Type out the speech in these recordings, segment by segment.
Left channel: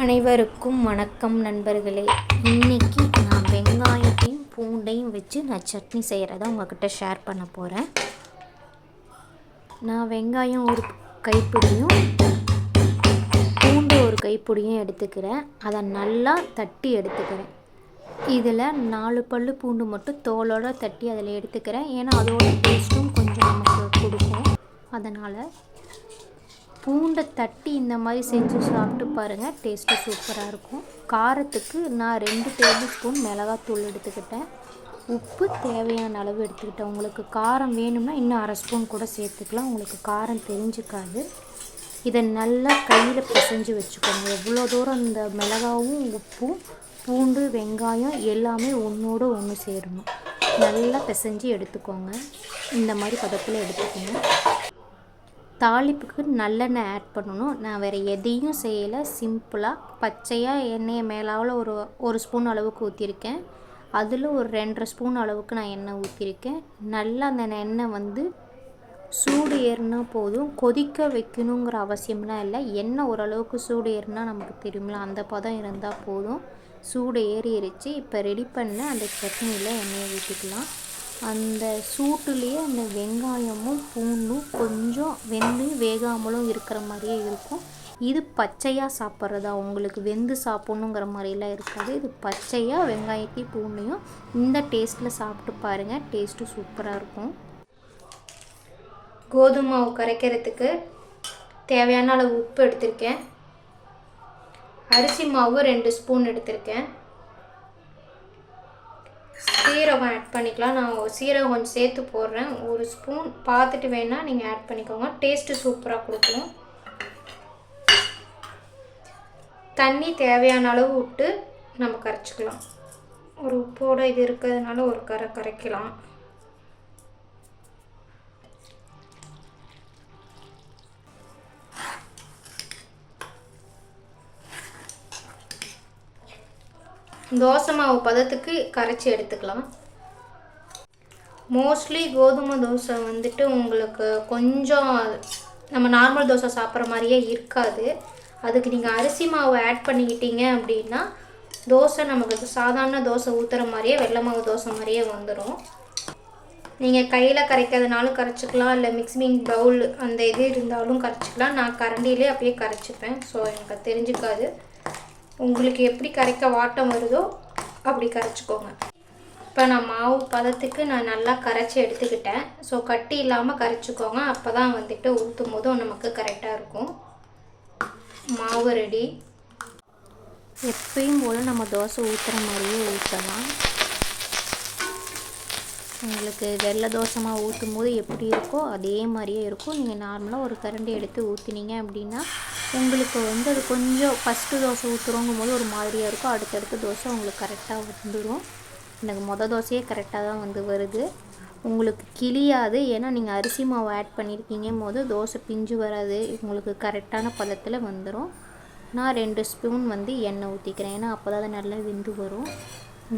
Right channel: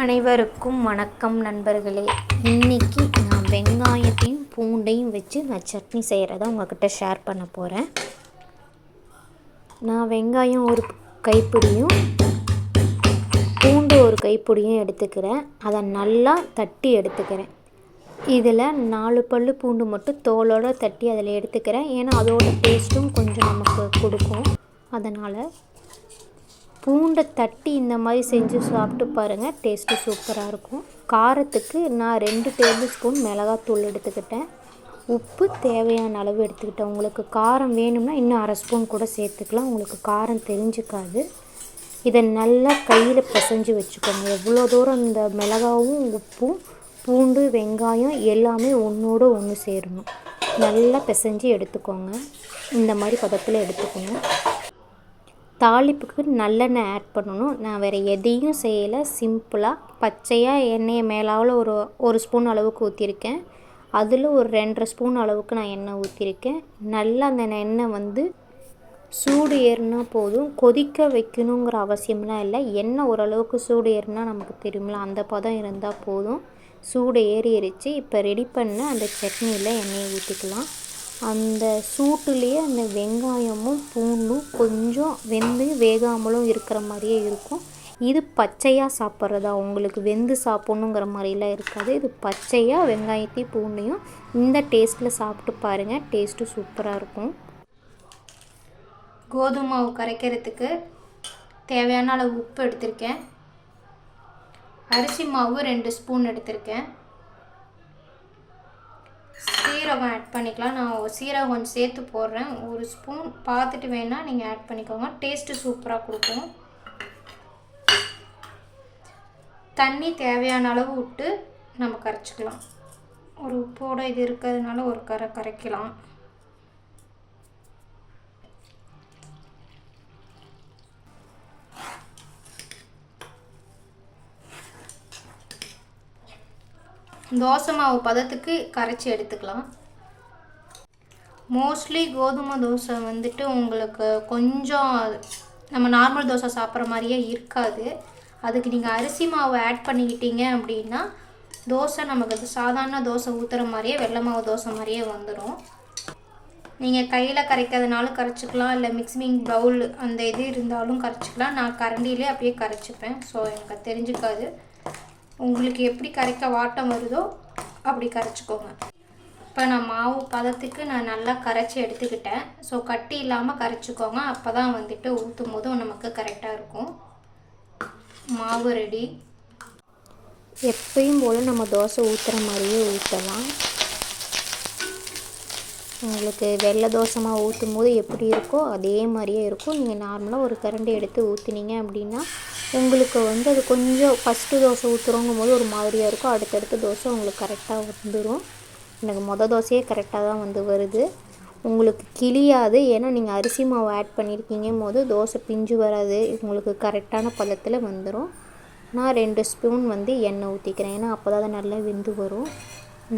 அனைவருக்கும் வணக்கம் நண்பர்களே. இன்னைக்கு நான் வெங்காயத்தையும் பூண்டையும் வச்சு நான் சட்னி செய்கிறத உங்ககிட்ட ஷேர் பண்ண போகிறேன் நான் வெங்காயம் ஒரு கைப்பிடியும் பூண்டு ஒரு கைப்பிடியும் எடுத்துக்கிறேன். அதை நல்லா தட்டி எடுத்துக்கிறேன். இதில் நாலு பல் பூண்டு மட்டும் தோலோடு தட்டி அதில் எடுத்துக்கிறேன். ஏன்னா அதோட டேஸ்ட்டும் கொஞ்சம் நமக்கு கொடுக்கும். அதனால் பூண்டை தட்டி இந்த மாதிரி செஞ்சு சாப்பிட்டு பாருங்கள் டேஸ்ட்டு சூப்பராக இருக்கும். காரத்துக்கு நான் ரெண்டு டேபிள் ஸ்பூன் மிளகாத்தூள் எடுத்துக்கிட்டேன். உப்பு தேவையான அளவு எடுத்துக்கிட்டேன். உங்களுக்கு காரம் வேணும்னா இன்னும் அரை ஸ்பூன் கூட சேர்த்துக்கலாம். உங்களுக்கு காரம் தெரிஞ்சுக்காது. இதை நல்லா கையில் பிசைஞ்சு வச்சுக்கோங்க. எவ்வளோ தூரம் இந்த மிளகாவும் உப்பும் பூண்டு வெங்காயம் எல்லாமே ஒன்றோடு ஒன்று சேரணும். நல்லா பிசைஞ்சு எடுத்துக்கோங்க. இந்த மாதிரி பதத்தில் எடுத்துக்கோங்க. தாளிப்புக்கு நல்லெண்ணெய் ஆட் பண்ணணும். நான் வேறு எதையும் செய்யலை. சிம்பிளாக பச்சையாக எண்ணெயை மேலாவில் ஒரு ஒரு ஸ்பூன் அளவுக்கு ஊற்றிருக்கேன் அதில் ஒரு ரெண்டரை ஸ்பூன் அளவுக்கு நான் எண்ணெய் ஊற்றிருக்கேன் நல்லா அந்த எண்ணெய் வந்து சூடு ஏறினா போதும். கொதிக்க வைக்கணுங்கிற அவசியம்லாம் இல்லை. எண்ணெய் ஓரளவுக்கு சூடு ஏறினா நமக்கு தெரியுமில்ல அந்த பதம் இருந்தால் போதும். சூடு ஏறிடுச்சு இப்போ ரெடி பண்ண அந்த சட்னியில் எண்ணெயை ஊற்றிக்கலாம் அந்த சூட்டுலேயே அந்த வெங்காயமும் பூண்டும் கொஞ்சம் வெந்து வேகாமலும் இருக்கிற மாதிரியே இருக்கும். இது பச்சையாக சாப்பிட்றதா? உங்களுக்கு வெந்து சாப்பிட்ணுங்கிற மாதிரிலாம் இருக்காது. இது பச்சையாக வெங்காயத்தையும் பூண்டையும் இந்த டேஸ்ட்டில் சாப்பிட்டு பாருங்கள் டேஸ்ட்டு சூப்பராக இருக்கும். கோதுமை மாவு கரைக்கிறதுக்கு தேவையான அளவு உப்பு எடுத்திருக்கேன். அரிசி மாவு ரெண்டு ஸ்பூன் எடுத்திருக்கேன். சீரகம் ஆட் பண்ணிக்கலாம். நான் சீரகம் கொஞ்சம் சேர்த்து போடுறேன். ஒரு ஸ்பூன் பார்த்துட்டு வேணால் நீங்கள் ஆட் பண்ணிக்கோங்க. டேஸ்ட்டு சூப்பராக கொடுக்கும். தண்ணி தேவையான அளவு விட்டு நம்ம கரைச்சிக்கலாம். ஒரு உப்போடு இது இருக்கிறதுனால ஒரு கரை கரைக்கலாம். தோசை மாவு பதத்துக்கு கரைச்சி எடுத்துக்கலாம். மோஸ்ட்லி கோதுமை தோசை வந்துட்டு உங்களுக்கு கொஞ்சம் நம்ம நார்மல் தோசை சாப்பிட்ற மாதிரியே இருக்காது. அதுக்கு நீங்கள் அரிசி மாவு ஆட் பண்ணிக்கிட்டீங்க அப்படின்னா தோசை நமக்கு சாதாரண தோசை ஊற்றுற மாதிரியே வெள்ளை மாவு தோசை மாதிரியே வந்துடும் நீங்கள் கையில் கரைக்காதனாலும் கரைச்சிக்கலாம் இல்லை மிக்சிங் பவுல் அந்த இது இருந்தாலும் கரைச்சிக்கலாம். நான் கரண்டிலே அப்படியே கரைச்சிப்பேன். ஸோ எனக்கு தெரிஞ்சுக்காது. உங்களுக்கு எப்படி கரைக்க வாட்டம் வருதோ அப்படி கரைச்சிக்கோங்க. இப்போ நான் மாவு பதத்துக்கு நான் நல்லா கரைச்சி எடுத்துக்கிட்டேன். ஸோ கட்டி இல்லாமல் கரைச்சிக்கோங்க. அப்போ தான் வந்துட்டு ஊற்றும் போதும் நமக்கு கரெக்டாக இருக்கும். மாவு ரெடி எப்பயும் போல் நம்ம தோசை ஊற்றுற மாதிரியே ஊற்றலாம் உங்களுக்கு வெள்ளை தோசமாக ஊற்றும் போது எப்படி இருக்கோ அதே மாதிரியே இருக்கும். நீங்கள் நார்மலாக ஒரு கரண்டி எடுத்து ஊற்றினீங்க அப்படின்னா உங்களுக்கு வந்து அது கொஞ்சம் ஃபஸ்ட்டு தோசை ஊற்றுறோங்கும் போது ஒரு மாதிரியாக இருக்கும். அடுத்தடுத்த தோசை உங்களுக்கு கரெக்டாக வந்துடும் எனக்கு மொதல் தோசையே கரெக்டாக தான் வந்து வருது. உங்களுக்கு கிளியாது ஏன்னா நீங்கள் அரிசி மாவு ஆட் பண்ணியிருக்கீங்க போது தோசை பிஞ்சு வராது. உங்களுக்கு கரெக்டான பதத்தில் வந்துடும் நான் ரெண்டு ஸ்பூன் வந்து எண்ணெய் ஊற்றிக்கிறேன் ஏன்னா அப்போ தான் நல்லா வெந்து வரும்.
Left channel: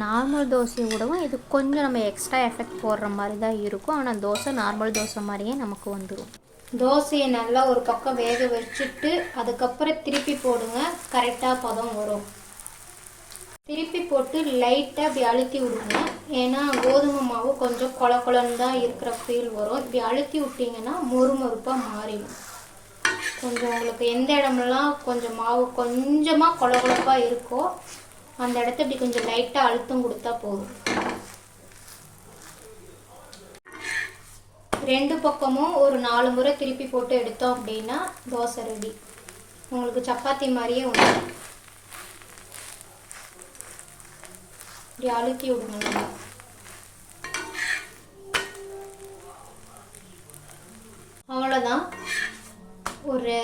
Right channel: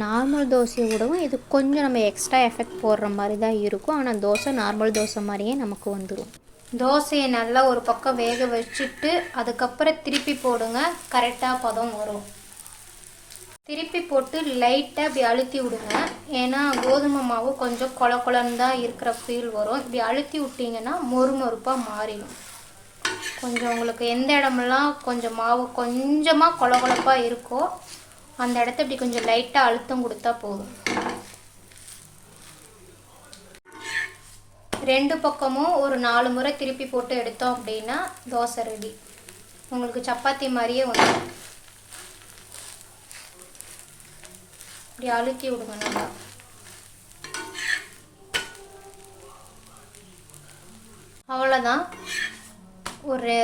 நார்மல் தோசையை விடவும் இது கொஞ்சம் நம்ம எக்ஸ்ட்ரா எஃபெக்ட் போடுற மாதிரி தான் இருக்கும். ஆனால் தோசை நார்மல் தோசை மாதிரியே நமக்கு வந்துடும் தோசையை நல்லா ஒரு பக்கம் வேக வச்சுட்டு அதுக்கப்புறம் திருப்பி போடுங்க. கரெக்டாக பதம் வரும். திருப்பி போட்டு லைட்டாக இப்படி அழுத்தி விடுங்க. ஏன்னா கோதுமை மாவு கொஞ்சம் கொல கொலன்னு தான் இருக்கிற ஃபீல் வரும். இப்படி அழுத்தி விட்டிங்கன்னா மொறுமொறுப்பாக மாறிடும். கொஞ்சம் உங்களுக்கு எந்த இடமெல்லாம் கொஞ்சம் மாவு கொஞ்சமாக கொல கொலப்பாக இருக்கோ அந்த இடத்த இப்படி கொஞ்சம் லைட்டாக அழுத்தம் கொடுத்தா போதும். ரெண்டு பக்கமும் ஒரு நாலு முறை திருப்பி போட்டு எடுத்தோம் அப்படின்னா தோசை ரெடி உங்களுக்கு சப்பாத்தி மாதிரியே வந்துடும். இப்படி அழுக்கி விடுங்க அவ்வளோதான் ஒரு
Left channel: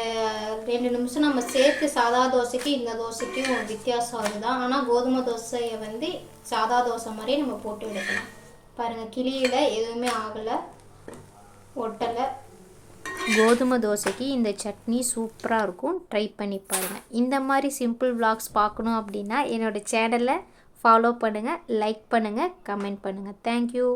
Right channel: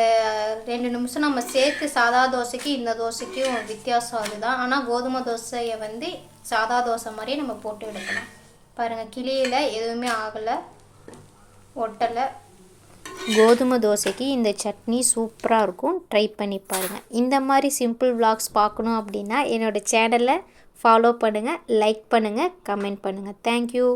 ரெண்டு நிமிஷம் நம்ம சேர்த்து சாதா தோசைக்கு இந்த தோசைக்கும் வித்தியாசம் அதுதான். ஆனால் கோதுமை தோசையை வந்து சாதா தோசை மாதிரியே நம்ம போட்டு எடுக்கலாம். பாருங்கள் கிளியில் எதுவுமே ஆகலை ஒட்டலை. கோதுமை தோசைக்கு இந்த சட்னி சூப்பராக இருக்கும். ட்ரை பண்ணி பாருங்கள் இந்த மாதிரி சிம்பிள் விளாக்ஸ் பார்க்கணும் அப்படின்னா என்னோடய சேனலை ஃபாலோ பண்ணுங்கள் லைக் பண்ணுங்கள் கமெண்ட் பண்ணுங்கள் தேங்க்யூ